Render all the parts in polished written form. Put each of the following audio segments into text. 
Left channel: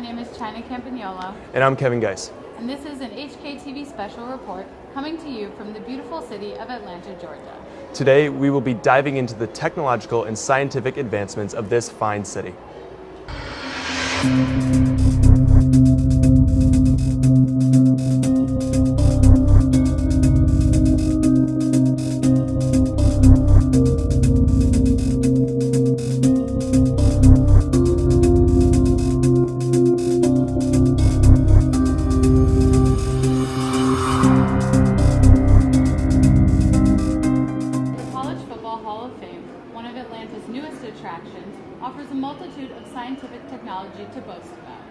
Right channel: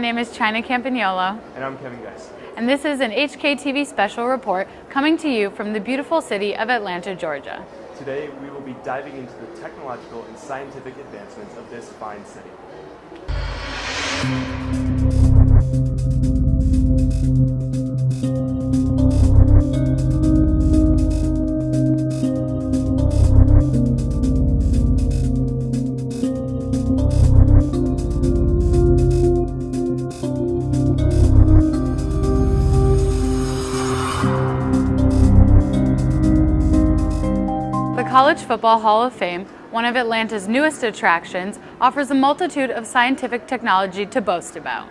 name is China Campagnolo. And I'm Kevin Geis. And this is an HKTV special report coming to you from the beautiful city of Atlanta, Georgia. Today, we will be diving into the technological and scientific advancements of this fine city. The College Football Hall of Fame, one of Atlanta's newest attractions, offers a multitude of scientific technology to boast about.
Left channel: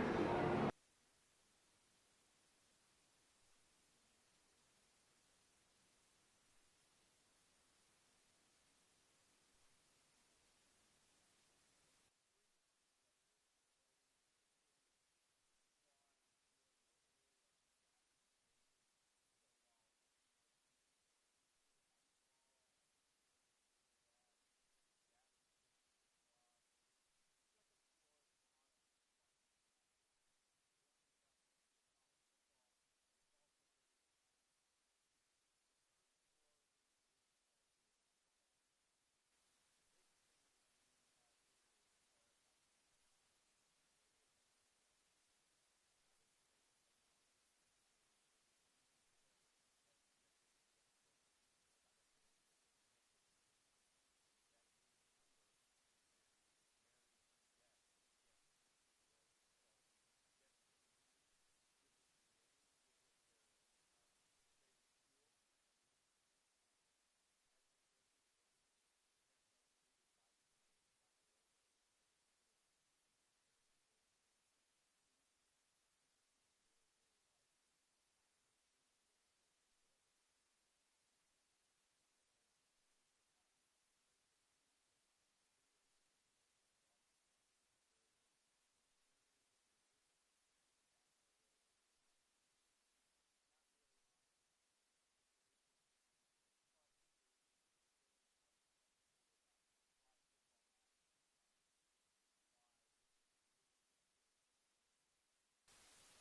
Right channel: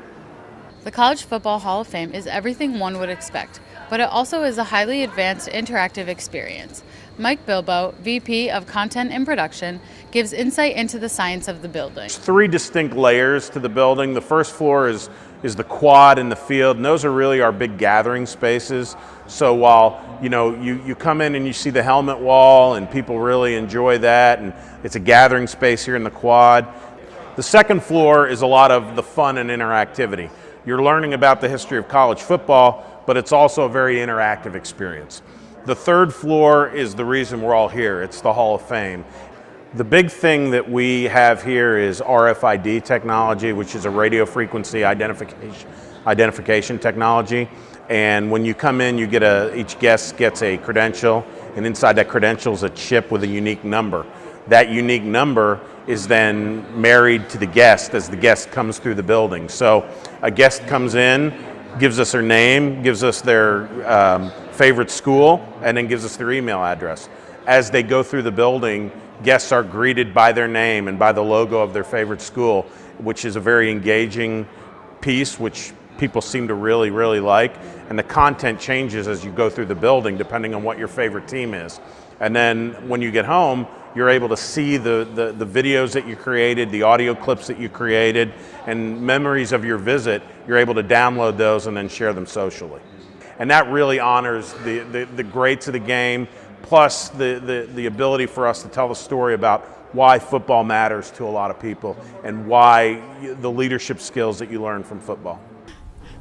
The College Football Hall of Fame is everything one would expect, but it also is a highly advanced interactive experience. Mike Bilbo, VP of Content and Production, gives insight into the science of the building. There's three distinct layers to the building. The first floor is the quad and the field, and those are really our big gathering spaces. So while you come in and you see the helmet wall and people really enjoy that, and it's a gathering space here in the quad. The second floor is a lot of the fun and interactivity. You're learning about the history of college football, but it's also a very interactive experience. The third floor is the reason we're all here. It's the Hall of Fame. The big thing that we have here is RFID technology, which is a radio frequency identification technology. And when you come in, each guest gets a credential, and inside that credential is a chip with a unique number. That unique number is then married to the guest as the guest comes through the building. So a guest comes in, gives us their name, gives us their favorite school, and then gives us their email address. As they go through the building, guests are greeted by their name and by the logo of their favorite school, which is a very engaging piece, which people seem to really, really like. And the content changes as you go through the building, depending on what your favorite team is. And then when you get home, you're able to see the videos that you created, the audio clips that you created, and memories of your visit. You're able to download those and then share them socially. And that really honors the greats of the game, plus the ability for us to tell the story about why football matters to a lot of people and why the leadership skills that you learn from football.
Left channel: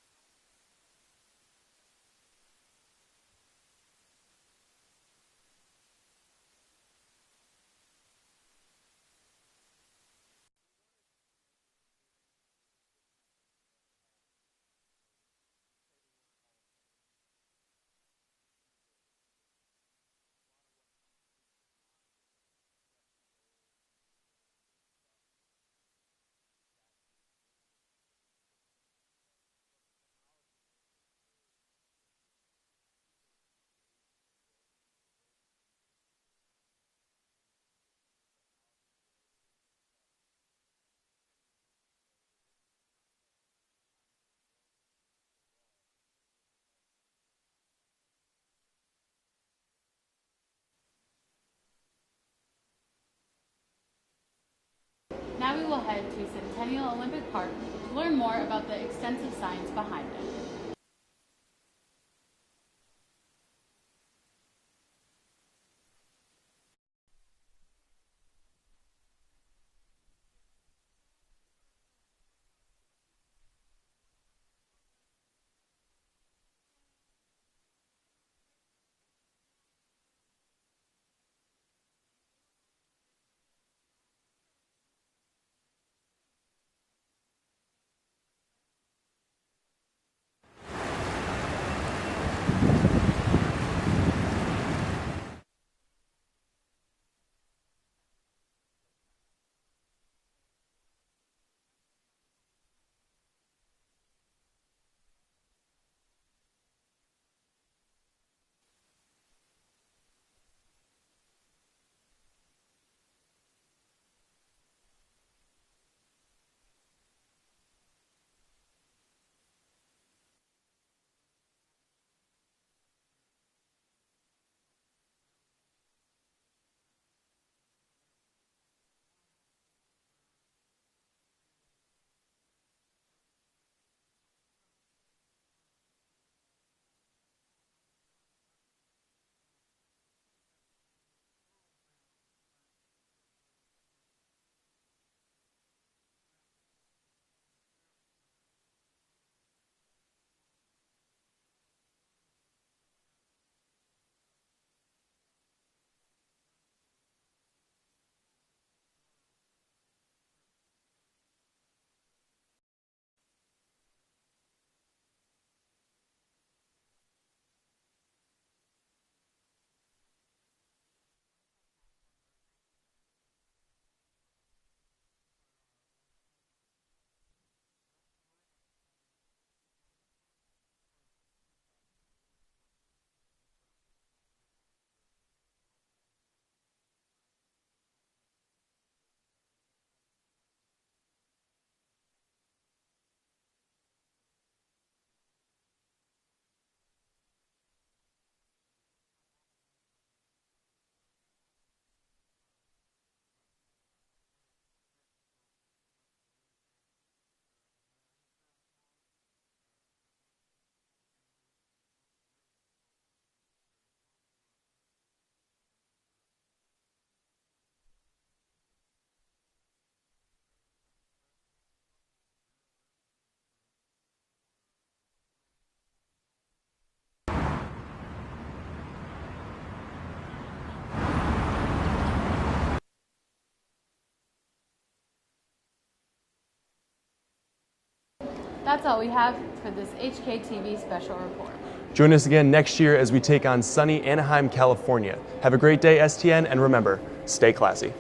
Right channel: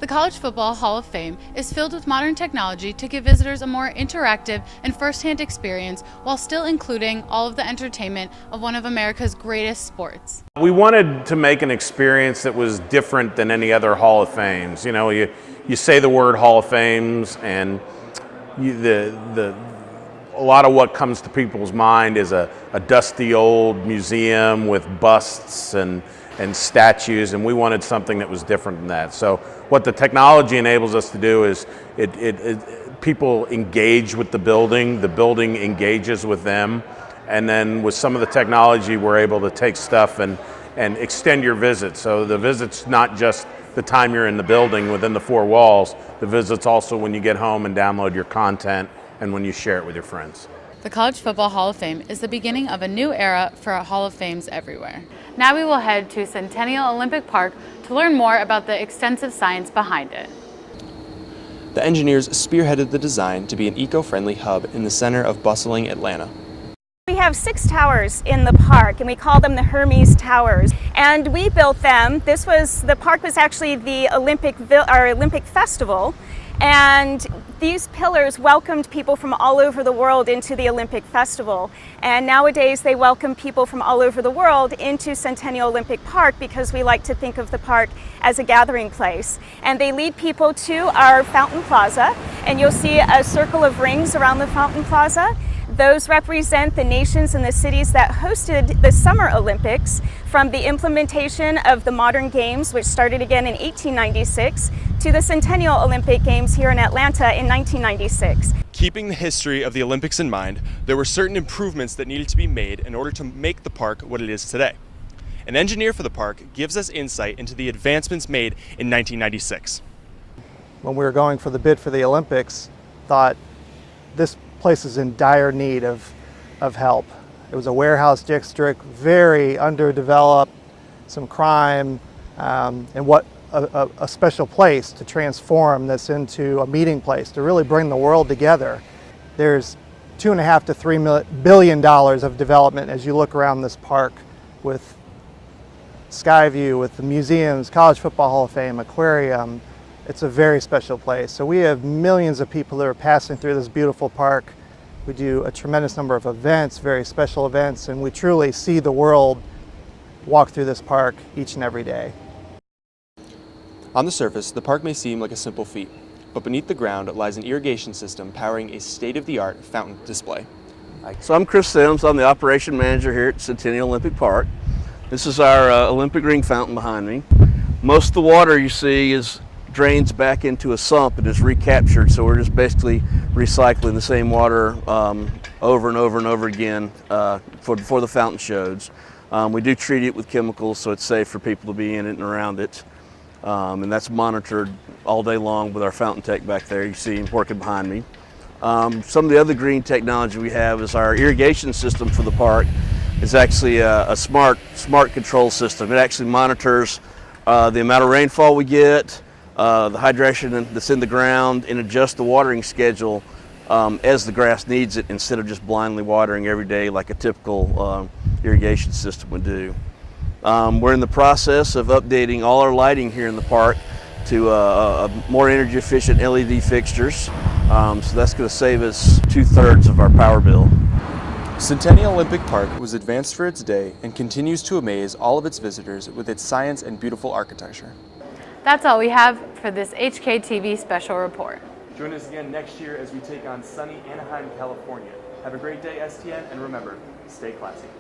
The College Football Hall of Fame is filled with modern technology to give visitors a more interactive and first-hand experience while still including all of the entertainment of one of America's greatest sports. We wanted to make an experience that was different than any other Hall of Fames. You know, you say the word Hall of Fames, and a lot of what comes to people's mind is a dusty old museum with busts and statues, and we wanted something that was different than that. So what the technology enables us to do is people engage with the building engages with them, and then with some of the technology we're able to take stuff and extend your visit. So the visit's not just the time you're in the building within the four walls, the visit's also when you get home and download your content and when you share it with your friends. The College Football Hall of Fame is the beginning of a new era for Hall of Fames everywhere. Now we will head to Centennial Olympic Park to learn more about the extensive science behind it. The engineers spearheaded the design to be an eco-friendly hub in the center of bustling Atlanta. We have 6 towers in the park, and we call them the Hermes Towers. And we built them. The park was actually the Olympic Festival. And these pillars welcomed people from all over the world into the Olympic Festival. And nowadays they welcome people from all over the world into Centennial Olympic Park because we like to think of the park as a gathering place. And they lead people to our Fountain Plaza, and you'll see a circle of rings around the Fountain Plaza. Those represent the nations and the cities that hosted the Summer Olympics, from the implementation of the modern games, which started again in 1896, to the Centennial Olympic Games here in Atlanta in 1996. Keeping the history of the Olympics in mind, there were certain improvements that needed to be made in order to make the park what it is today. An engineer for the park gives us insight into the advancements made in 1996. When we were going for the bid for the Olympics, thought this place is in dire need of help. It was a warehouse district, very underdeveloped, some crime, and what a special place to transform this into a meeting place, to really bring the world together. There's $2.5 to $3 billion of development as you look around this park, with Skyview with the museums, College Football Hall of Fame, aquarium. It's a very special place. So we have millions of people that are passing through this beautiful park. We do a tremendous number of events, very special events, and we truly see the world walk through this park each and every day. On the surface, the park may seem like a simple feat, but beneath the ground lies an irrigation system powering a state-of-the-art fountain display. So I'm Chris Sims. I'm the operation manager here at Centennial Olympic Park. This is our Olympic ring fountain behind me. Most of the water you see drains back into a sump and is recaptured, so we're just basically recycling the same water over and over and over again for the fountain shows. We do treat it with chemicals so it's safe for people to be in it and around it. And that's monitored all day long with our fountain tech back there. You see him working behind me. Some of the other green technology we have is our irrigation system for the park. It's actually a smart control system. It actually monitors the amount of rainfall we get, the hydration that's in the ground, and adjusts the watering schedule as the grass needs it, instead of just blindly watering every day like a typical irrigation system would do. We're in the process of updating all our lighting here in the park to more energy efficient LED fixtures. So that's going to save us 2/3 of our power bill. Centennial Olympic Park was advanced for its day and continues to amaze all of its visitors with its science and beautiful architecture. That's all we have for this HKTV special report. Join us again next year as we take on sunny Anaheim, California. Have a great day, STN, and remember, stay classy.